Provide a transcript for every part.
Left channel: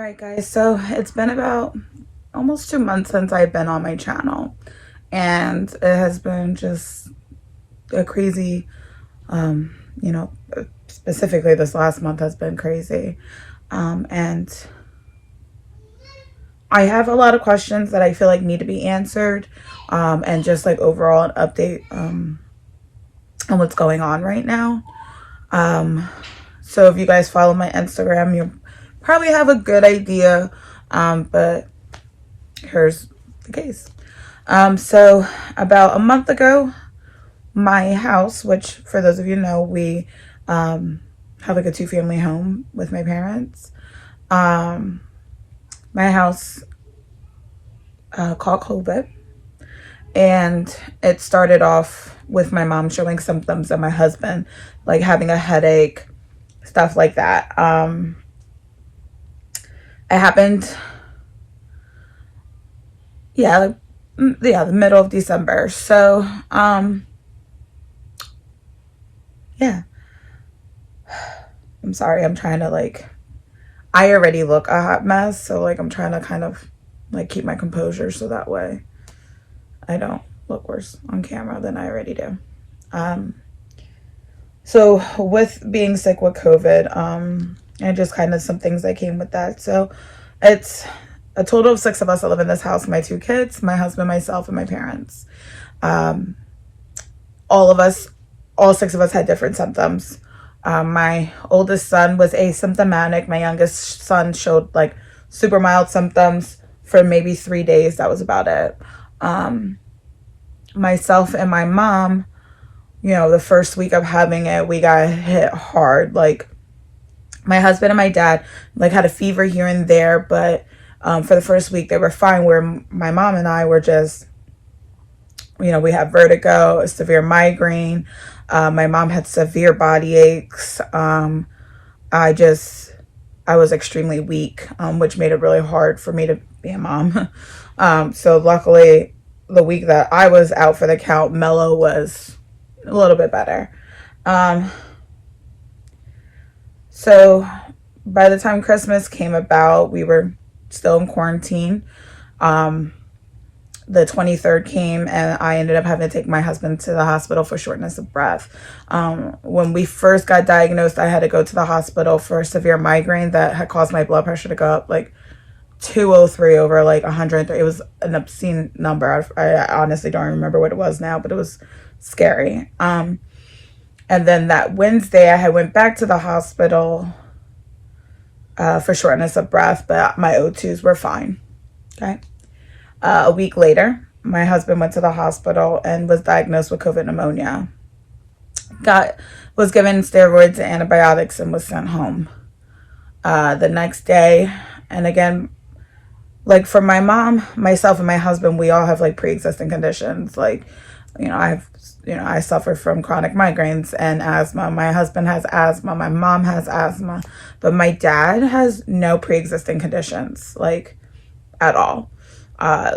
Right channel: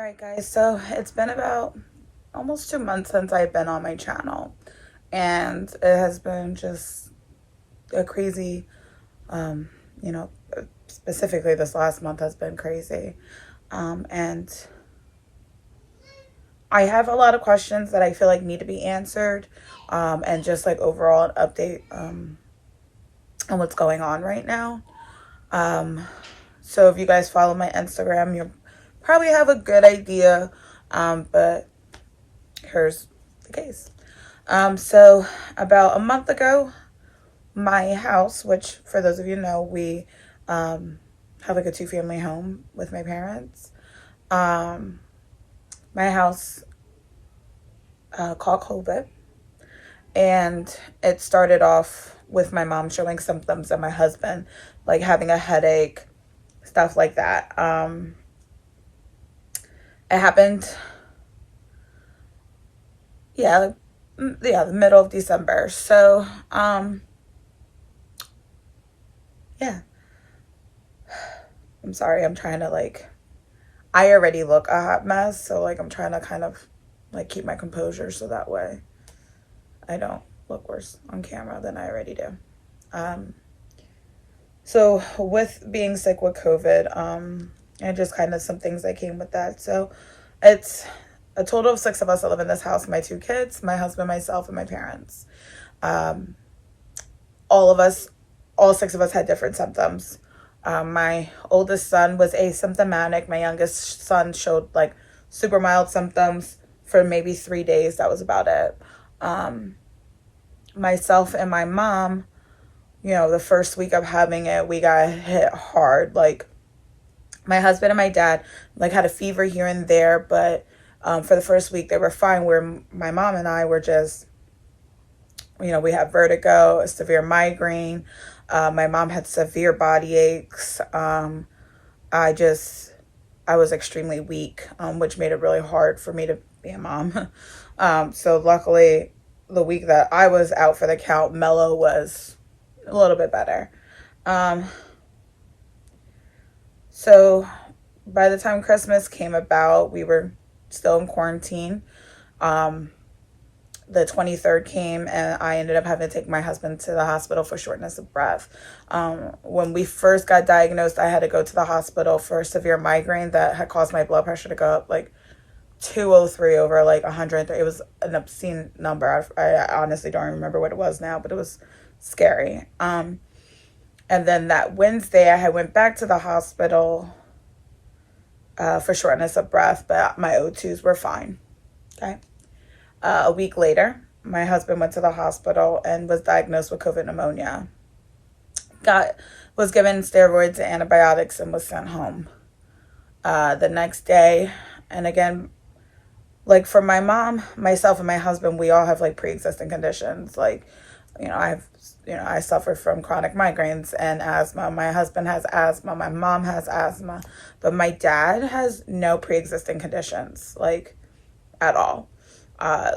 Alright guys, so it's been about almost 2 months since I've been on my channel, and it has been just a crazy, um, you know, specifically this last month has been crazy. And I have a lot of questions that I feel like need to be answered, and just like overall an update on what's going on right now. So if you guys follow my Instagram, you'll probably have a good idea, but here's the case. So about a month ago, my house, which for those of you know, we have like a 2-family home with my parents. My house caught COVID, and it started off with my mom showing symptoms and my husband like having a headache, stuff like that. It happened, the middle of December. So, yeah. I'm sorry. I'm trying to I already look a hot mess. So I'm trying to kind of keep my composure so that way I don't look worse on camera than I already do. So with being sick with COVID, and just kind of some things that came with that. So it's a total of 6 of us that live in this house. My 2 kids, my husband, myself, and my parents. All 6 of us had different symptoms. My oldest son was asymptomatic. My youngest son showed super mild symptoms for maybe 3 days. That was about it. Myself and my mom, the first week of having it, we got hit hard. My husband and my dad had a fever here and there, but for the first week they were fine, where my mom and I were just, we had vertigo, a severe migraine. My mom had severe body aches. I was extremely weak, which made it really hard for me to be a mom. So luckily, the week that I was out for the count, Mello was a little bit better. So by the time Christmas came about, we were still in quarantine. The 23rd came, and I ended up having to take my husband to the hospital for shortness of breath. When we first got diagnosed, I had to go to the hospital for severe migraine that had caused my blood pressure to go up 203 over 103. It was an obscene number. I honestly don't remember what it was now, but it was scary. And then that Wednesday, I had went back to the hospital for shortness of breath, but my O2s were fine. Okay. A week later, my husband went to the hospital and was diagnosed with COVID pneumonia. Was given steroids and antibiotics and was sent home. The next day, and again, for my mom, myself, and my husband, we all have pre-existing conditions. I suffer from chronic migraines and asthma. My husband has asthma. My mom has asthma. But my dad has no pre-existing conditions, at all.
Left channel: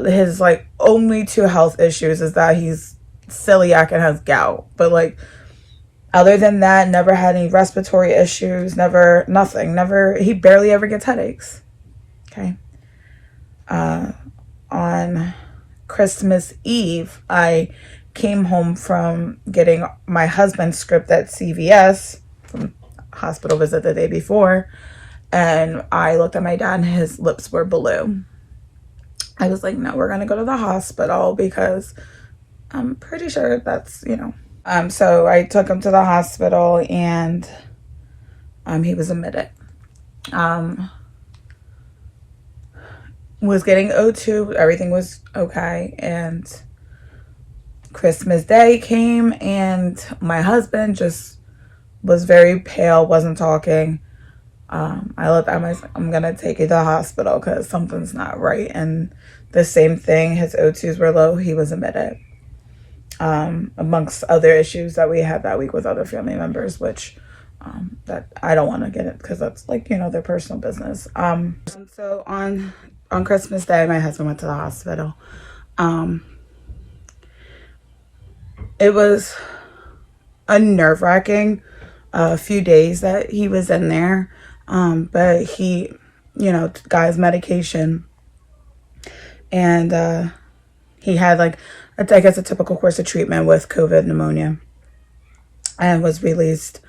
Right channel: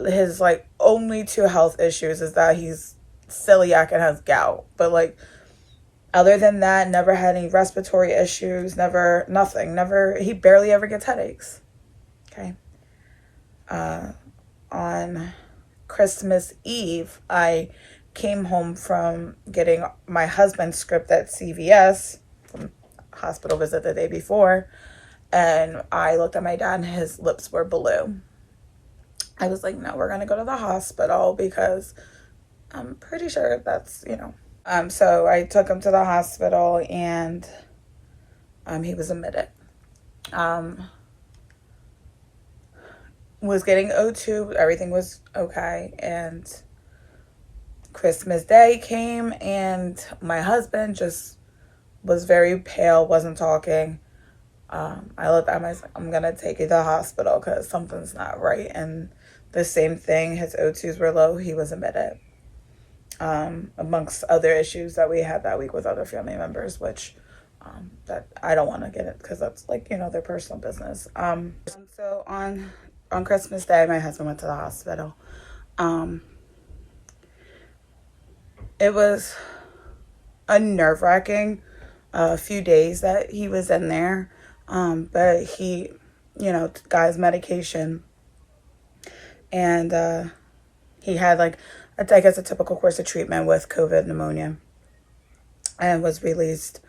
His only 2 health issues is that he's celiac and has gout. But other than that, never had any respiratory issues, nothing. He barely ever gets headaches. Okay. On Christmas Eve, I came home from getting my husband's script at CVS from hospital visit the day before, and I looked at my dad and his lips were blue. I was like, no, we're gonna go to the hospital because I'm pretty sure that's, so I took him to the hospital, and he was admitted. Was getting O2, everything was okay, and Christmas Day came, and my husband just was very pale, wasn't talking. I looked at him, I was like, I'm gonna take you to the hospital because something's not right. And the same thing, his O2s were low, he was admitted. Amongst other issues that we had that week with other family members, which that I don't want to get it because that's their personal business. So on Christmas Day, my husband went to the hospital. It was a nerve-wracking few days that he was in there, but he got his medication. And he had like, I guess, a typical course of treatment with COVID pneumonia, and was released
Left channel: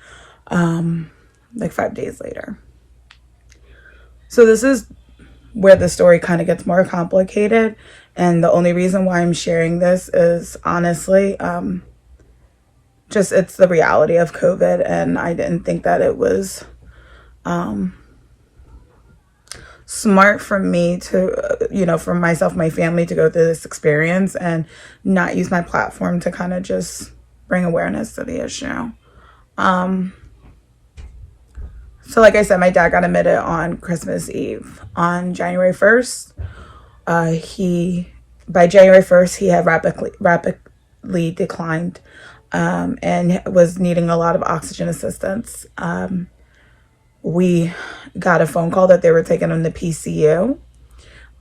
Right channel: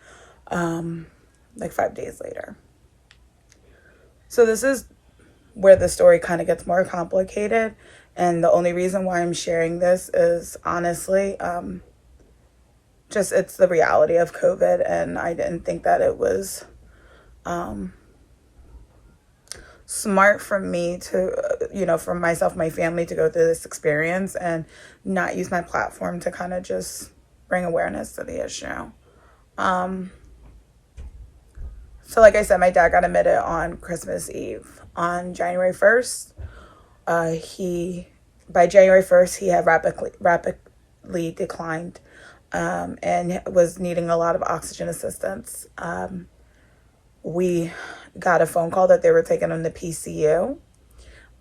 like 5 days later. So this is where the story kind of gets more complicated. And the only reason why I'm sharing this is honestly, just it's the reality of COVID. And I didn't think that it was smart for me to, for myself, my family, to go through this experience and not use my platform to kind of just bring awareness to the issue. So like I said, my dad got admitted on Christmas Eve. On January 1st, by January 1st, he had rapidly declined, and was needing a lot of oxygen assistance. We got a phone call that they were taking him to PCU.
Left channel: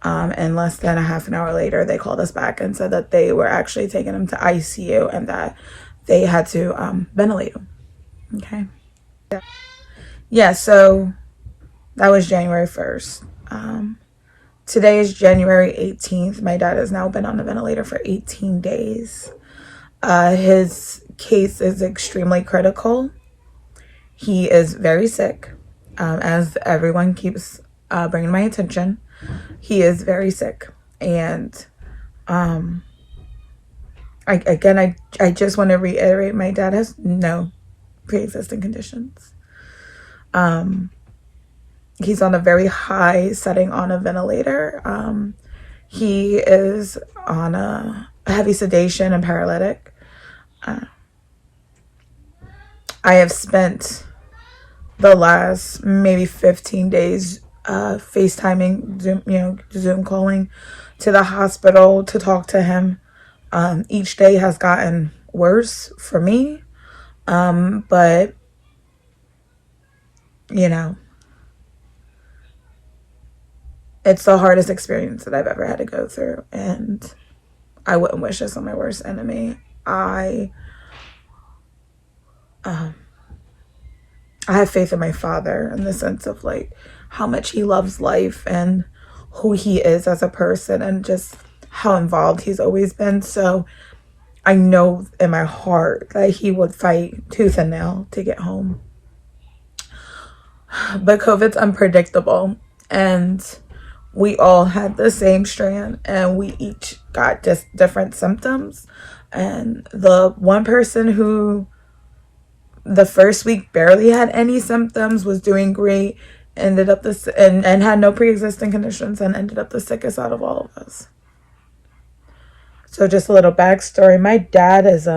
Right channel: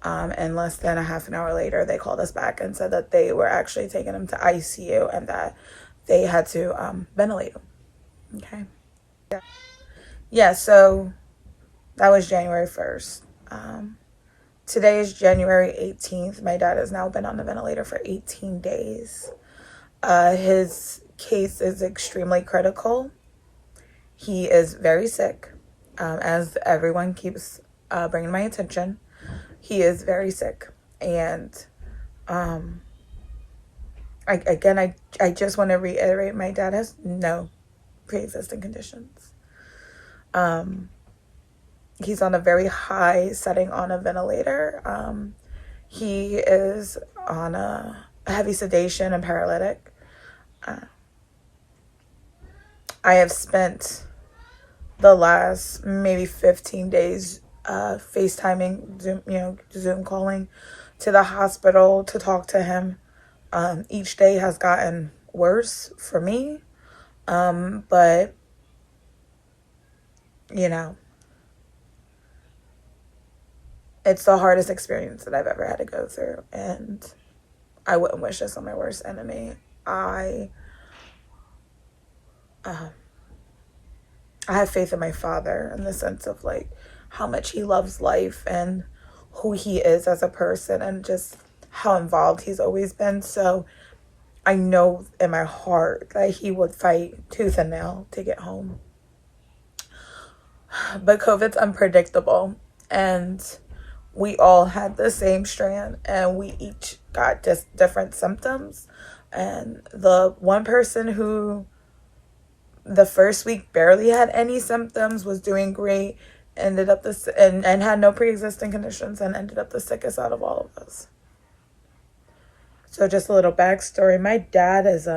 And less than a half an hour later, they called us back and said that they were actually taking him to ICU and that they had to ventilate him. Okay. Yeah, so that was January 1st. Today is January 18th. My dad has now been on the ventilator for 18 days. His case is extremely critical. He is very sick, as everyone keeps bringing my attention. He is very sick. And I just want to reiterate, my dad has no pre-existing conditions. He's on a very high setting on a ventilator. He is on a heavy sedation and paralytic. I have spent the last maybe 15 days FaceTiming, Zoom calling to the hospital to talk to him. Each day has gotten worse for me. But it's the hardest experience that I've ever had to go through, and I wouldn't wish this on my worst enemy. I have faith in my father in the sense of like how much he loves life and who he is as a person and just how involved he's always been. So I know in my heart that he would fight tooth and nail to get home. But COVID's unpredictable, and we all had the same strand, and we each got just different symptoms. And the one person who the first week barely had any symptoms was doing great, ended up and had no pre-existing conditions, and ended up the sickest out of all of us. So just a little backstory. My dad is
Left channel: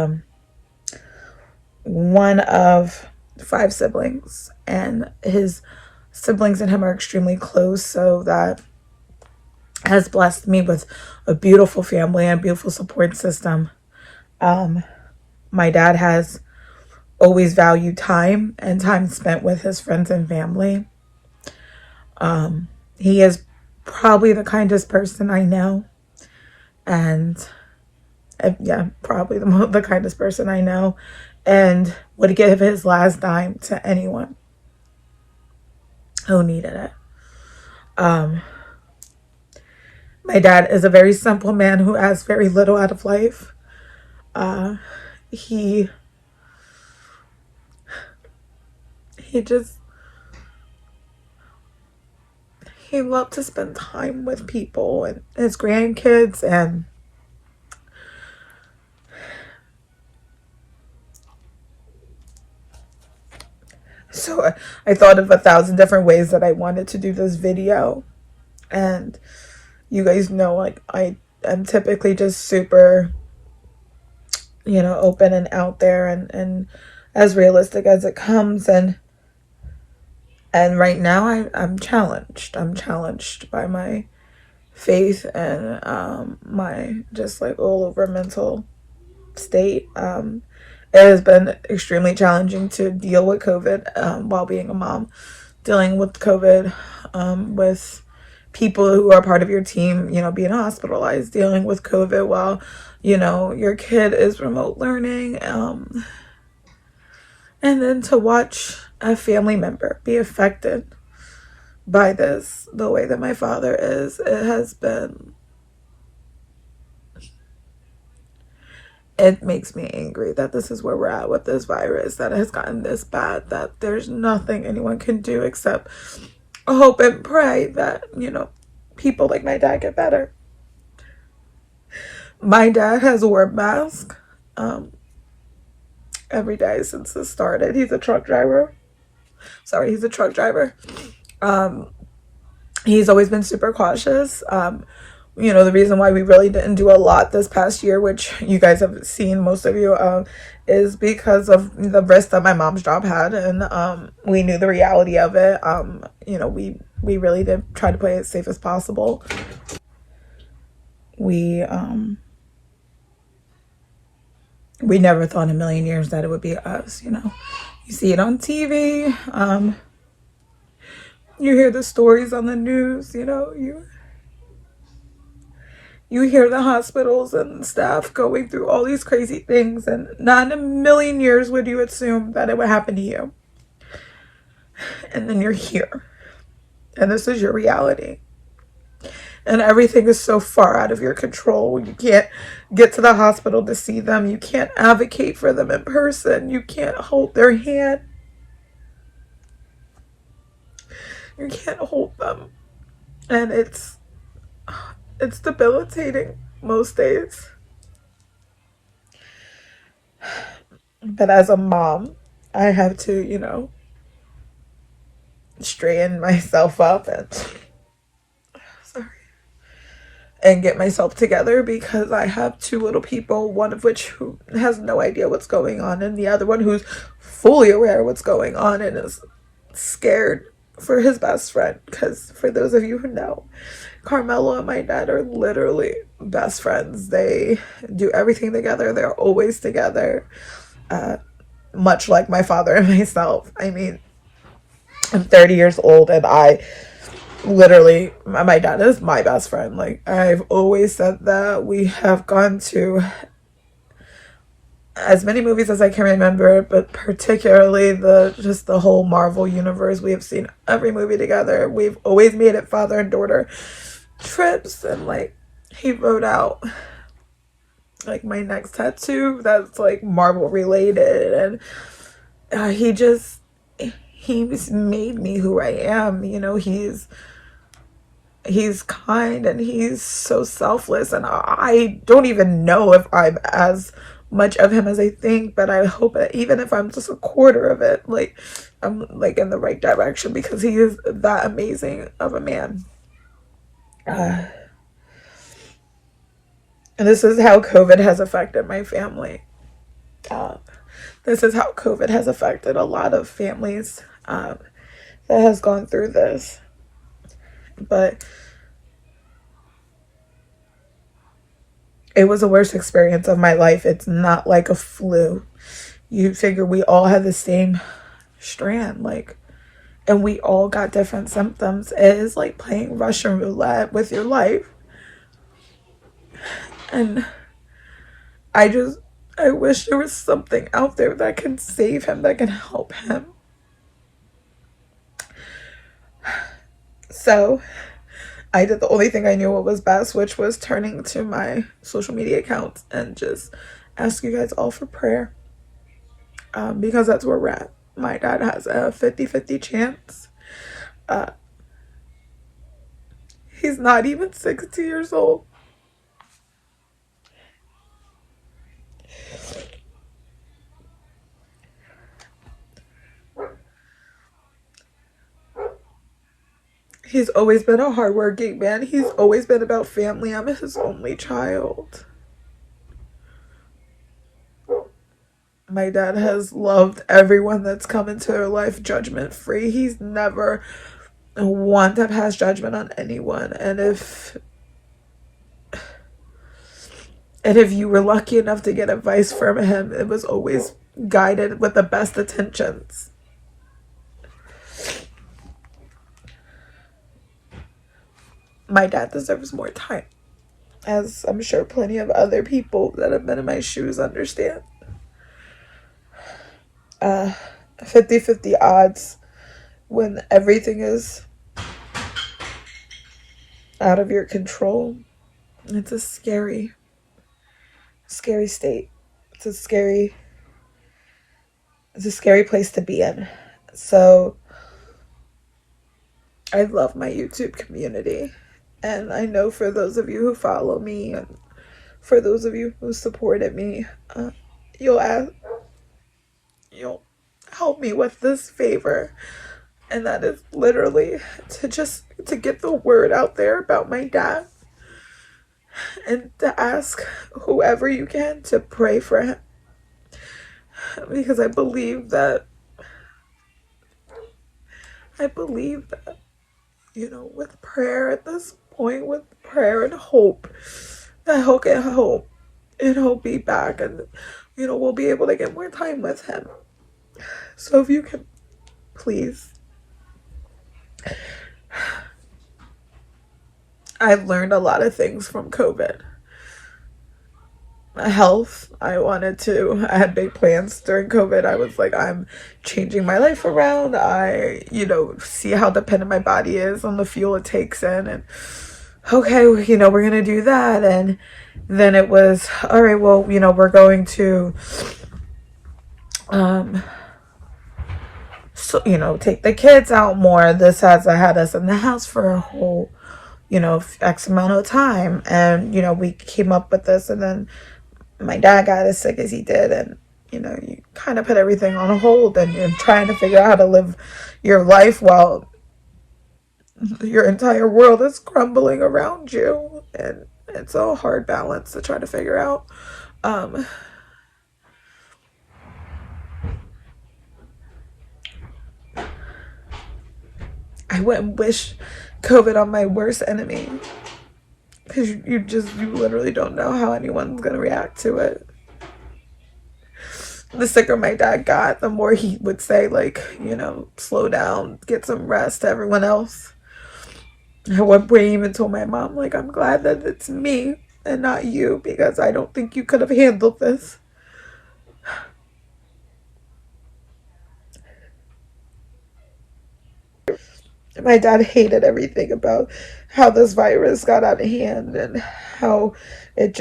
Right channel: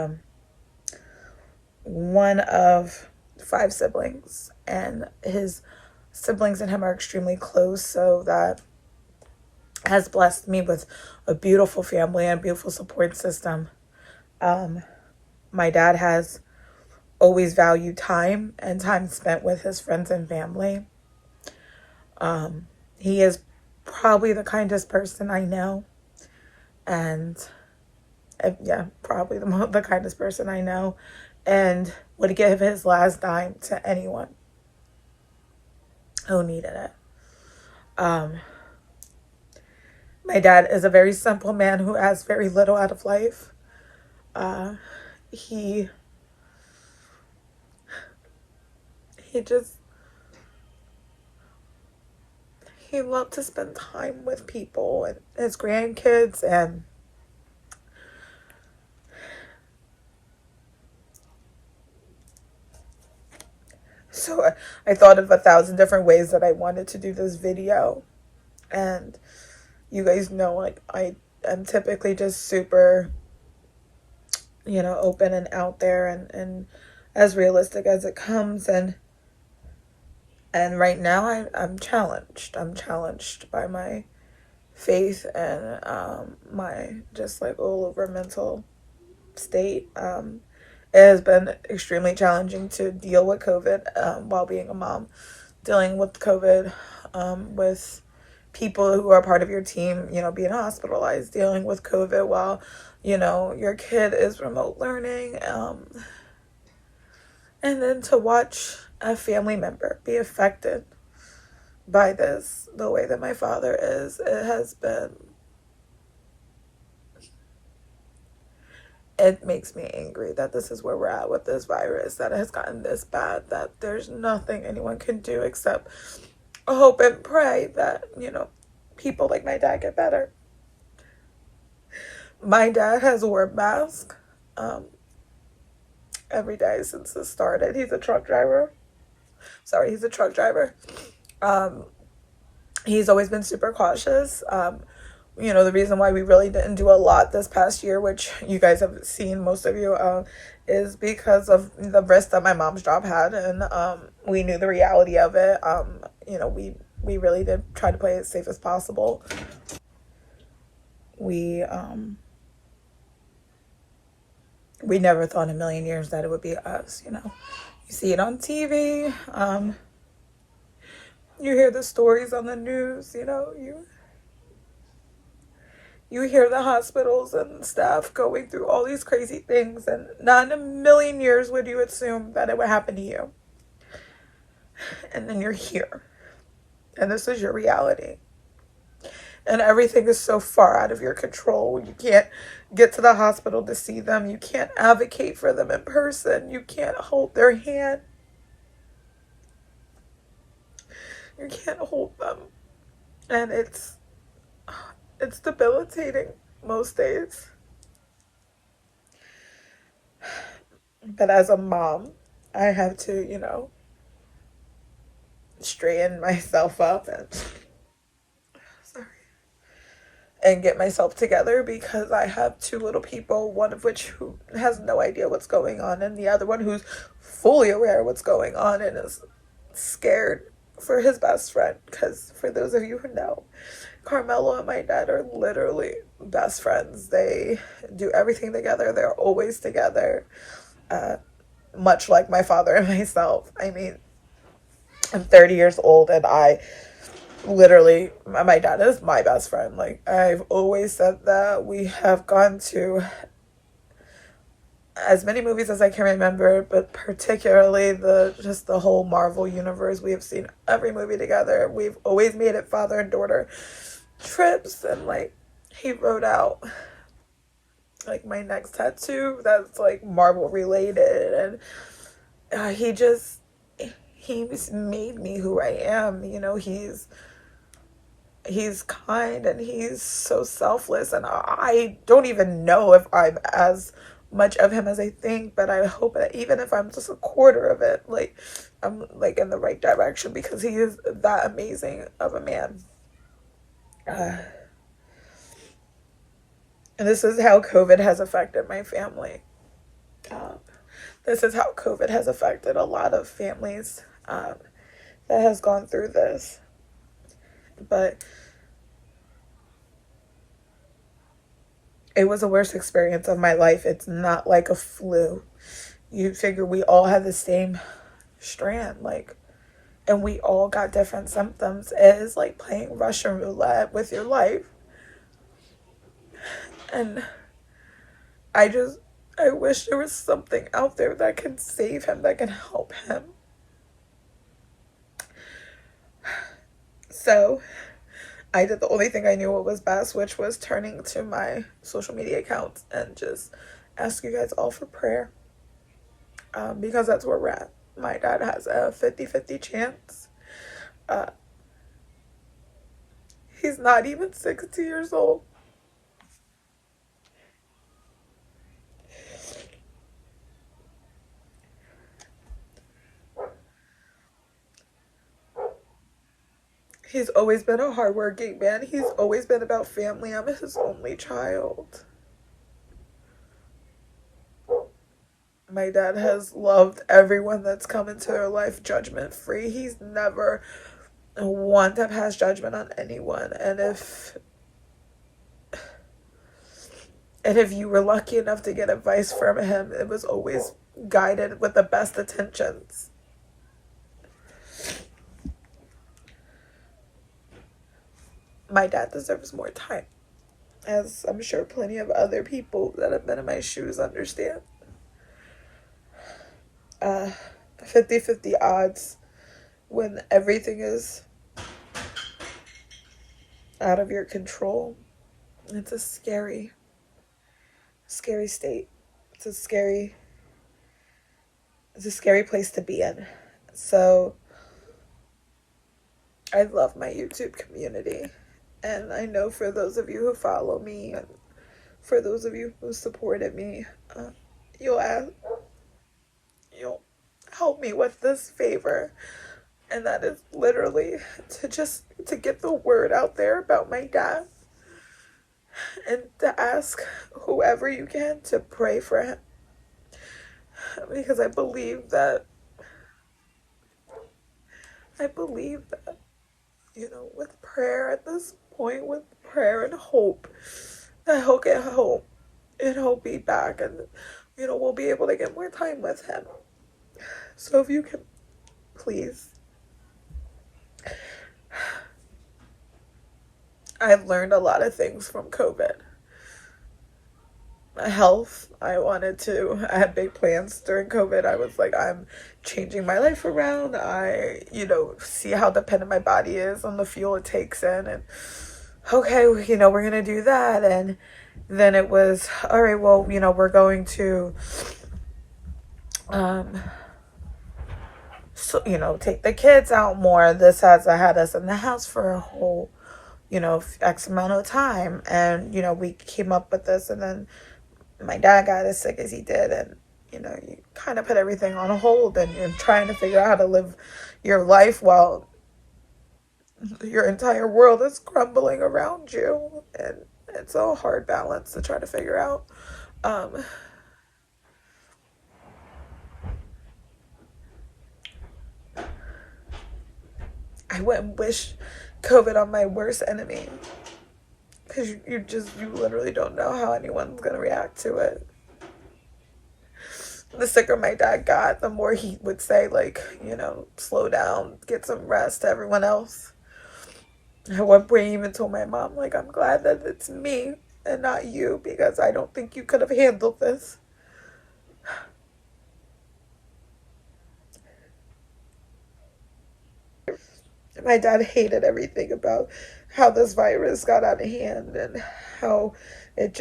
one of 5 siblings, and his siblings and him are extremely close, so that has blessed me with a beautiful family and a beautiful support system. My dad has always valued time and time spent with his friends and family. He is probably the kindest person I know, and probably the kindest person I know, and would give his last dime to anyone who needed it. My dad is a very simple man who asks very little out of life. He loved to spend time with people and his grandkids, and so I thought of 1,000 different ways that I wanted to do this video. And you guys know, like, I am typically just super, open and out there and as realistic as it comes. And right now I'm challenged. I'm challenged by my faith and my just like all over mental state. It has been extremely challenging to deal with COVID while being a mom, dealing with COVID with people who are part of your team, being hospitalized, dealing with COVID while, your kid is remote learning. And then to watch a family member be affected by this, the way that my father is. It makes me angry that this is where we're at with this virus, that it has gotten this bad, that there's nothing anyone can do except hope and pray that, people like my dad get better. My dad has worn masks every day since this started. He's a truck driver. He's a truck driver. He's always been super cautious. The reason why we really didn't do a lot this past year, which you guys have seen, most of you, is because of the risk that my mom's job had, and we knew the reality of it. We really did try to play it safe as possible. We never thought in a million years that it would be us. You see it on TV. You hear the stories on the news. You hear the hospitals and staff going through all these crazy things, and not in a million years would you assume that it would happen to you. And then you're here, and this is your reality. And everything is so far out of your control. You can't get to the hospital to see them. You can't advocate for them in person. You can't hold their hand. You can't hold them. And it's debilitating most days. But as a mom, I have to, straighten myself up and get myself together, because I have two little people, one of which who has no idea what's going on, and the other one who's fully aware of what's going on and is scared for his best friend. Because for those of you who know, Carmelo and my dad are literally best friends. They do everything together. They're always together, much like my father and myself. I mean, I'm 30 years old, and I literally, my dad is my best friend. Like, I've always said that. We have gone to as many movies as I can remember, but particularly the whole Marvel universe. We have seen every movie together. We've always made it father and daughter trips, and he wrote out my next tattoo that's Marvel related, and he's made me who I am. He's kind, and he's so selfless, and I don't even know if I'm as much of him as I think, but I hope that even if I'm just a quarter of it, I'm in the right direction, because he is that amazing of a man. And this is how COVID has affected my family. This is how COVID has affected a lot of families that has gone through this. But it was the worst experience of my life. It's not like a flu. You figure we all have the same strand, and we all got different symptoms. It is like playing Russian roulette with your life. And I wish there was something out there that can save him, that can help him. So I did the only thing I knew what was best, which was turning to my social media accounts and just ask you guys all for prayer, because that's where we're at. My dad has a 50-50 chance. He's not even 60 years old. He's always been a hardworking man. He's always been about family. I'm his only child. My dad has loved everyone that's come into their life judgment free. He's never one to pass judgment on anyone. And if you were lucky enough to get advice from him, it was always guided with the best intentions. My dad deserves more time, as I'm sure plenty of other people that have been in my shoes understand. 50-50 odds when everything is out of your control. It's a scary state. It's a scary place to be in. So I love my YouTube community, and I know for those of you who follow me and for those of you who supported me, you'll help me with this favor, and that is literally to get the word out there about my dad, and to ask whoever you can to pray for him, because I believe that with prayer at this point, with prayer and hope, that he'll get hope and he'll be back, and we'll be able to get more time with him. So if you can, please. I've learned a lot of things from COVID. Health, I had big plans during COVID. I was like, I'm changing my life around. I see how dependent my body is on the fuel it takes in, and okay, we're gonna do that. And then it was, all right, well, we're going to take the kids out more. This had us in the house for a whole X amount of time, and we came up with this, and then my dad got as sick as he did, and you kind of put everything on hold, and you're trying to figure out how to live your life while your entire world is crumbling around you, and it's a hard balance to try to figure out. I wouldn't wish COVID on my worst enemy, because you literally don't know how anyone's gonna react to it. The sicker my dad got, the more he would say, like, slow down, get some rest to everyone else. At one point, he even told my mom, like, I'm glad that it's me and not you, because I don't think you could have handled this. My dad hated everything about how this virus got out of hand, and how it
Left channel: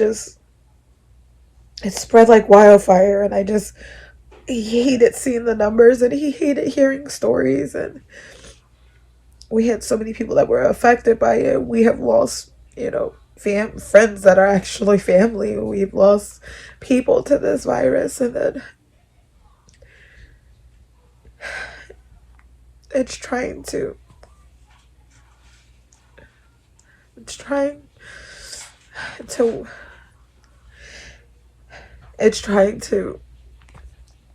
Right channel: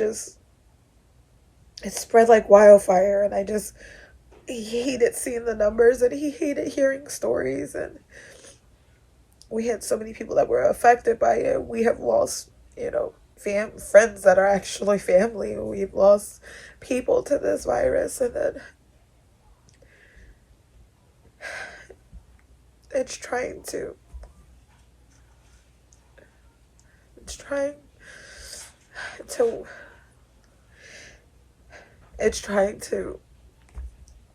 spread like wildfire, and he hated seeing the numbers, and he hated hearing stories, and we had so many people that were affected by it. We have lost, friends that are actually family. We've lost people to this virus, and then it's trying to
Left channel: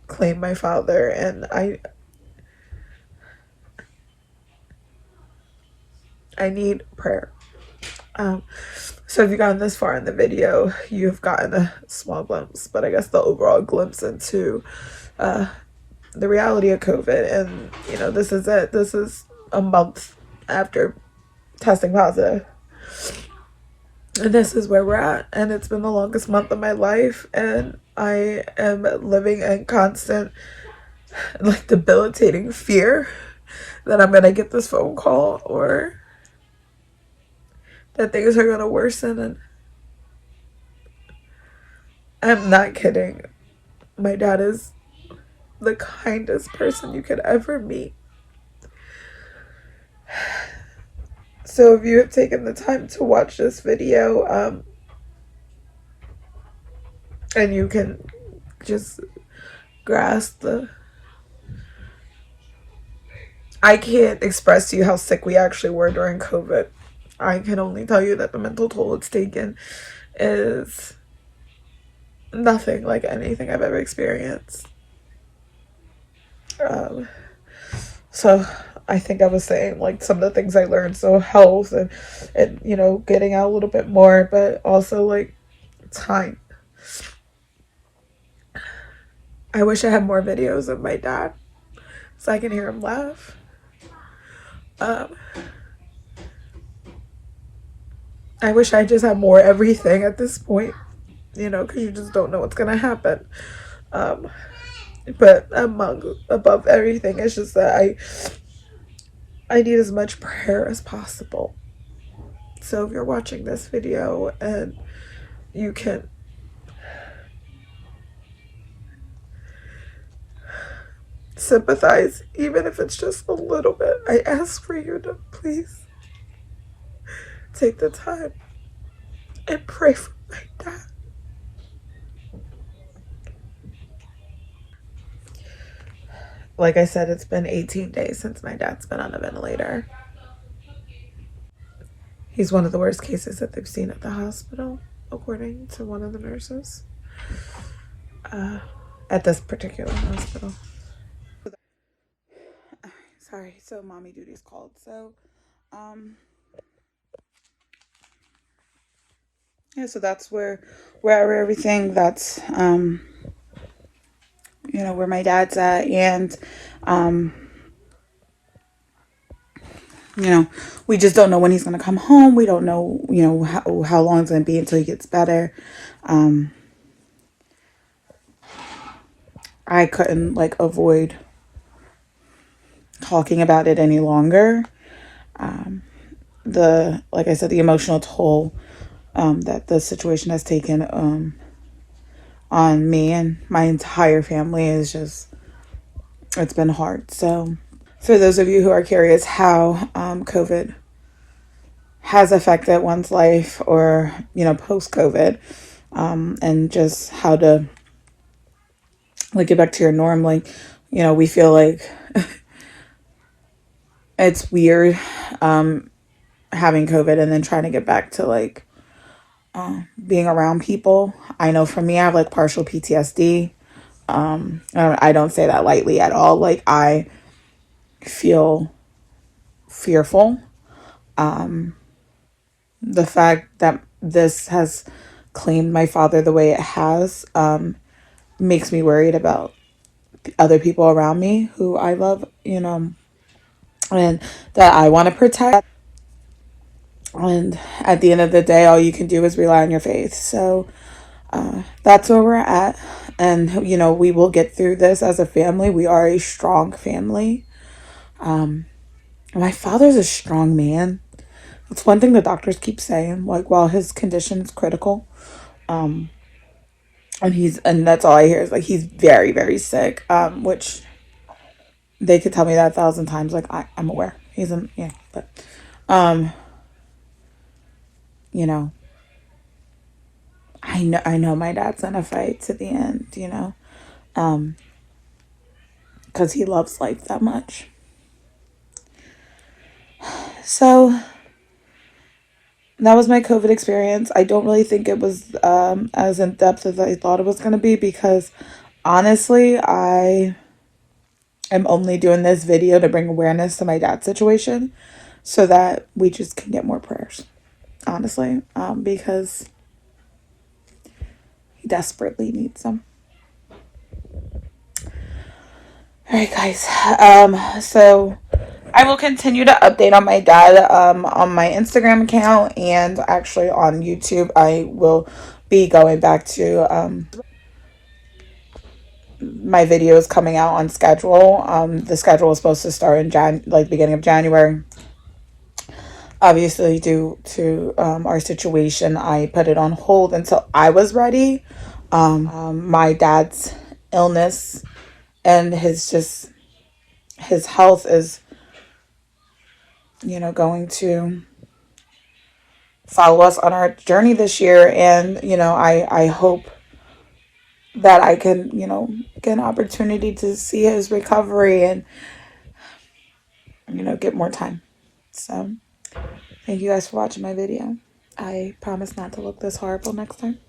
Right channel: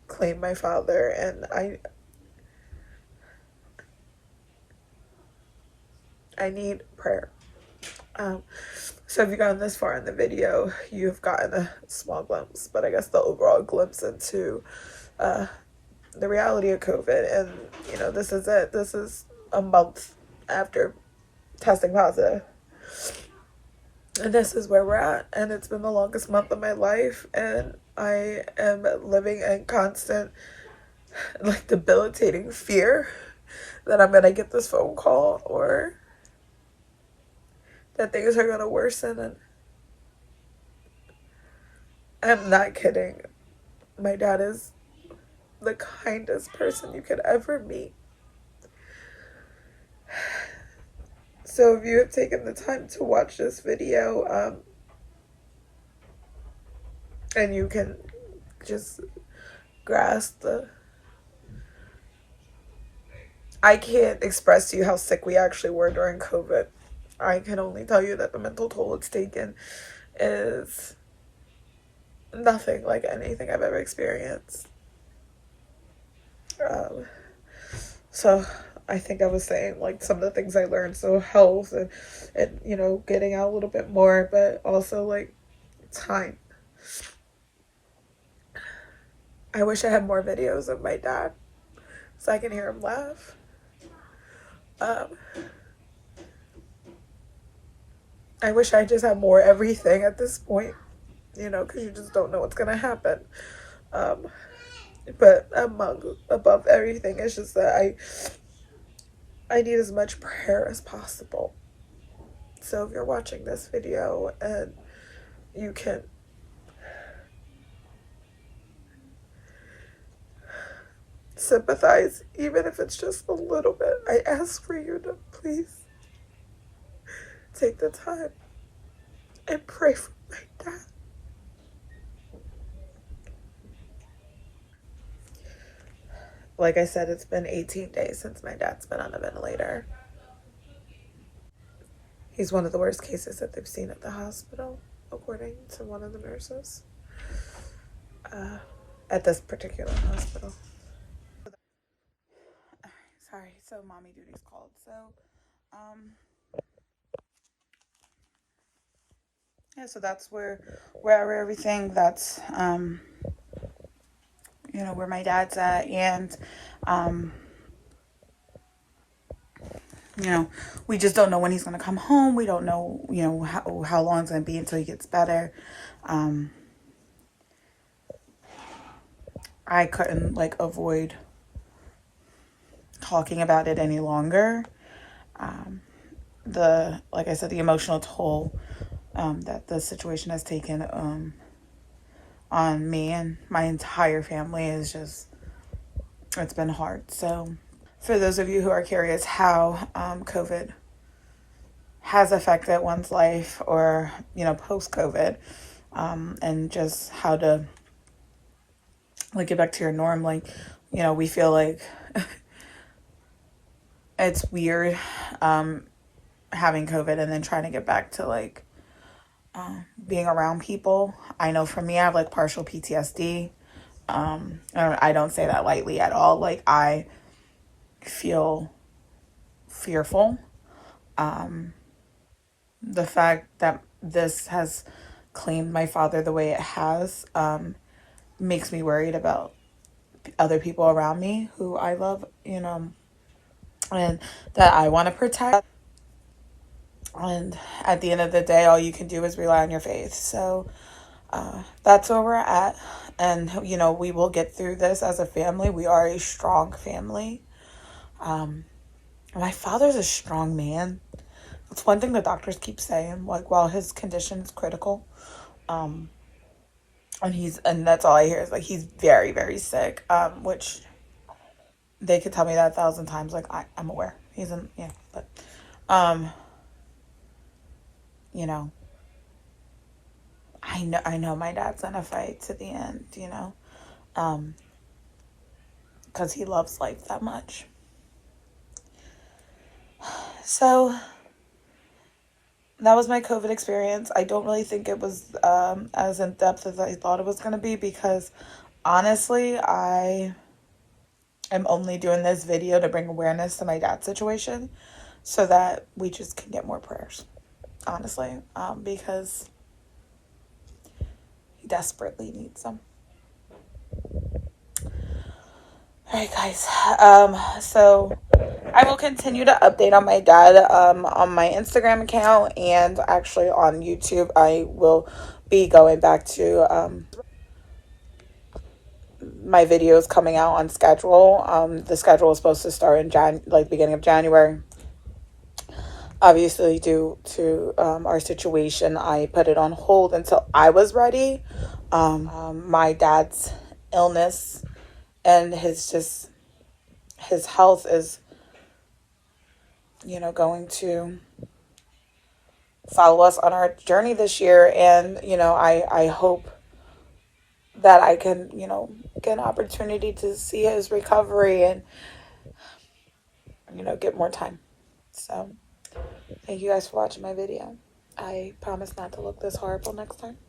claim my father, and I need prayer. So if you've gotten this far in the video, you've gotten a small glimpse, but I guess the overall glimpse into the reality of COVID. And this is it. This is a month after testing positive, and this is where we're at, and it's been the longest month of my life, and I am living in constant, like, debilitating fear that I'm gonna get this phone call, or that things are gonna worsen. And I'm not kidding, my dad is the kindest person you could ever meet. So if you have taken the time to watch this video, and you can just grasp I can't express to you how sick we actually were during COVID. I can only tell you that the mental toll it's taken is nothing like anything I've ever experienced. So I think I was saying, like, some of the things I learned, so health and getting out a little bit more, but also, like, time. I wish I had more videos of my dad so I can hear him laugh. I wish I just had more everything at this point, because you just don't know what's gonna happen. But above everything, it's just that I need as much prayer as possible So if you're watching this video and you can sympathize, even if it's just a little bit, I ask for you to please take the time and pray for my dad. Like I said, it's been 18 days since my dad's been on a ventilator. He's one of the worst cases that they've seen at the hospital, according to one of the nurses at this particular hospital. Sorry, so mommy duty's called. So, yeah, so that's where everything, that's, you know, where my dad's at. And, you know, we just don't know when he's going to come home. We don't know, you know, how long it's going to be until he gets better. I couldn't, like, avoid talking about it any longer. Like I said, the emotional toll that the situation has taken on me and my entire family is just, it's been hard. So for those of you who are curious how COVID has affected one's life, or, you know, post-COVID, and just how to, like, get back to your norm, like, you know, we feel like it's weird having COVID and then trying to get back to, like, being around people. I know for me, I have, like, partial PTSD. I don't say that lightly at all. Like, I feel fearful. The fact that this has claimed my father the way it has makes me worried about other people around me who I love, you know, and that I want to protect. And at the end of the day, all you can do is rely on your faith. So that's where we're at. And, you know, we will get through this as a family. We are a strong family. My father's a strong man. It's one thing the doctors keep saying, like, while his condition is critical, and that's all I hear is, like, he's very, very sick, which they could tell me that 1,000 times. Like, I'm aware he's in, yeah, but, you know, I know my dad's gonna fight to the end, you know, because he loves life that much. So that was my COVID experience. I don't really think it was as in depth as I thought it was going to be, because honestly, I am only doing this video to bring awareness to my dad's situation so that we just can get more prayers, honestly, because he desperately needs them. All right, guys. So I will continue to update on my dad on my Instagram account, and actually on YouTube. I will be going back to my videos coming out on schedule. The schedule was supposed to start in beginning of January. Obviously, due to our situation, I put it on hold until I was ready. My dad's illness and his health is, you know, going to follow us on our journey this year. And, you know, I hope that I can, you know, get an opportunity to see his recovery and, you know, get more time. So thank you guys for watching my video. I promise not to look this horrible next time.